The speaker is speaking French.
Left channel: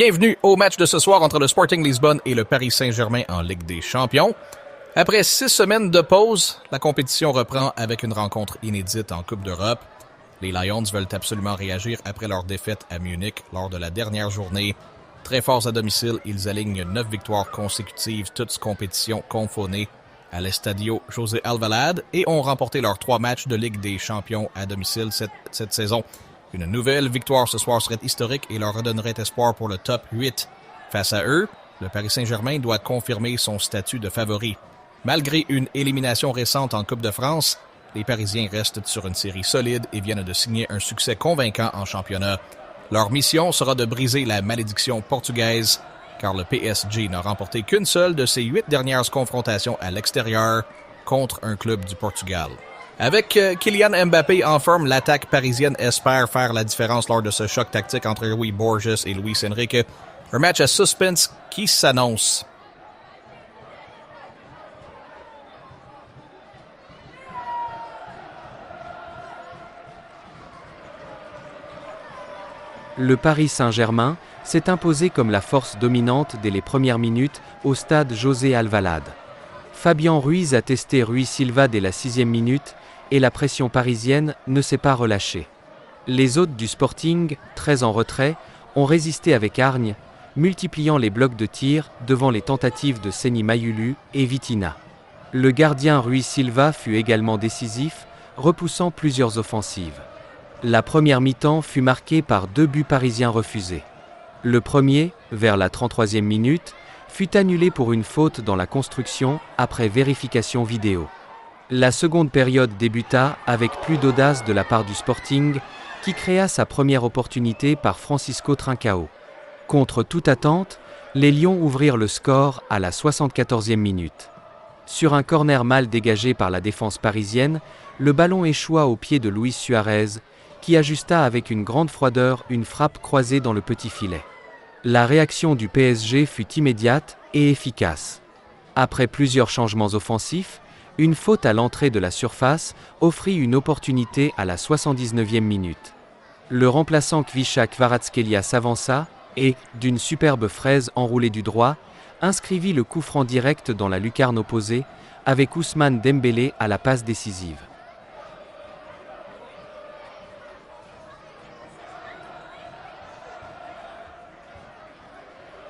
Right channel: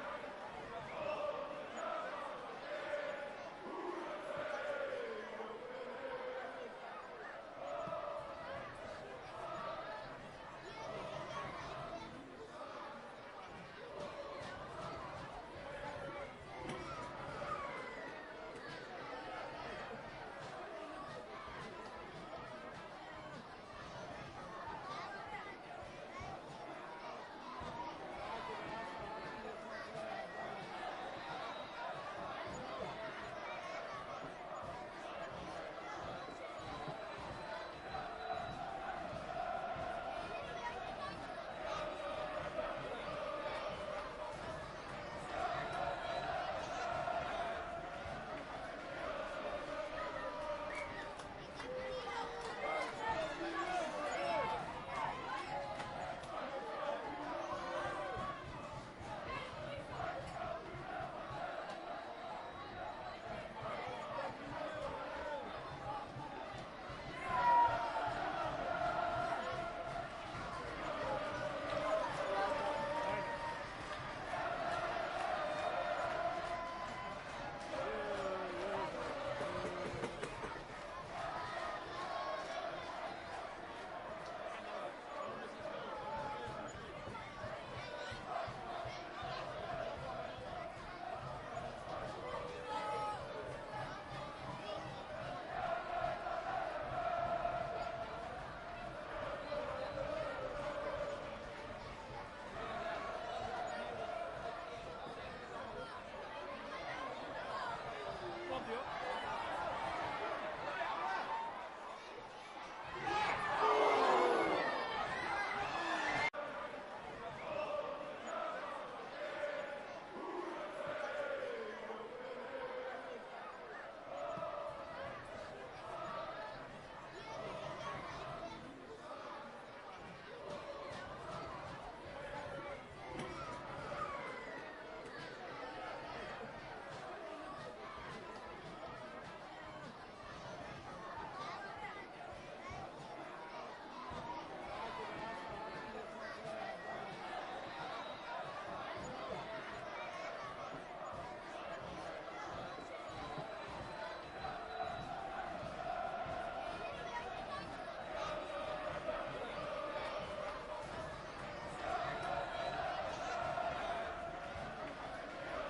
Bienvenue au match de ce soir entre le Sporting Lisbonne et le Paris Saint-Germain en Ligue des Champions. Après 6 semaines de pause, la compétition reprend avec une rencontre inédite en Coupe d'Europe. Les Lions veulent absolument réagir après leur défaite à Munich lors de la dernière journée. Très forts à domicile, ils alignent 9 victoires consécutives, toutes compétitions confonnées à l'Estadio José Alvalade et ont remporté leurs 3 matchs de Ligue des Champions à domicile cette saison. Une nouvelle victoire ce soir serait historique et leur redonnerait espoir pour le top 8. Face à eux, le Paris Saint-Germain doit confirmer son statut de favori. Malgré une élimination récente en Coupe de France, les Parisiens restent sur une série solide et viennent de signer un succès convaincant en championnat. Leur mission sera de briser la malédiction portugaise, car le PSG n'a remporté qu'une seule de ses 8 dernières confrontations à l'extérieur contre un club du Portugal. Avec Kylian Mbappé en forme, l'attaque parisienne espère faire la différence lors de ce choc tactique entre Louis Borges et Luis Enrique. Un match à suspense qui s'annonce. Le Paris Saint-Germain s'est imposé comme la force dominante dès les premières minutes au stade José Alvalade. Fabian Ruiz a testé Rui Silva dès la 6e minute et la pression parisienne ne s'est pas relâchée. Les hôtes du Sporting, très en retrait, ont résisté avec hargne, multipliant les blocs de tir devant les tentatives de Seny Mayulu et Vitinha. Le gardien Rui Silva fut également décisif, repoussant plusieurs offensives. La première mi-temps fut marquée par 2 buts parisiens refusés. Le premier, vers la 33e minute, fut annulé pour une faute dans la construction après vérification vidéo. La seconde période débuta avec plus d'audace de la part du Sporting, qui créa sa première opportunité par Francisco Trincao. Contre toute attente, les Lions ouvrirent le score à la 74e minute. Sur un corner mal dégagé par la défense parisienne, le ballon échoua aux pieds de Luis Suarez, qui ajusta avec une grande froideur une frappe croisée dans le petit filet. La réaction du PSG fut immédiate et efficace. Après plusieurs changements offensifs, une faute à l'entrée de la surface offrit une opportunité à la 79e minute. Le remplaçant Kvicha Kvaratskhelia s'avança et, d'une superbe fraise enroulée du droit, inscrivit le coup franc direct dans la lucarne opposée avec Ousmane Dembélé à la passe décisive.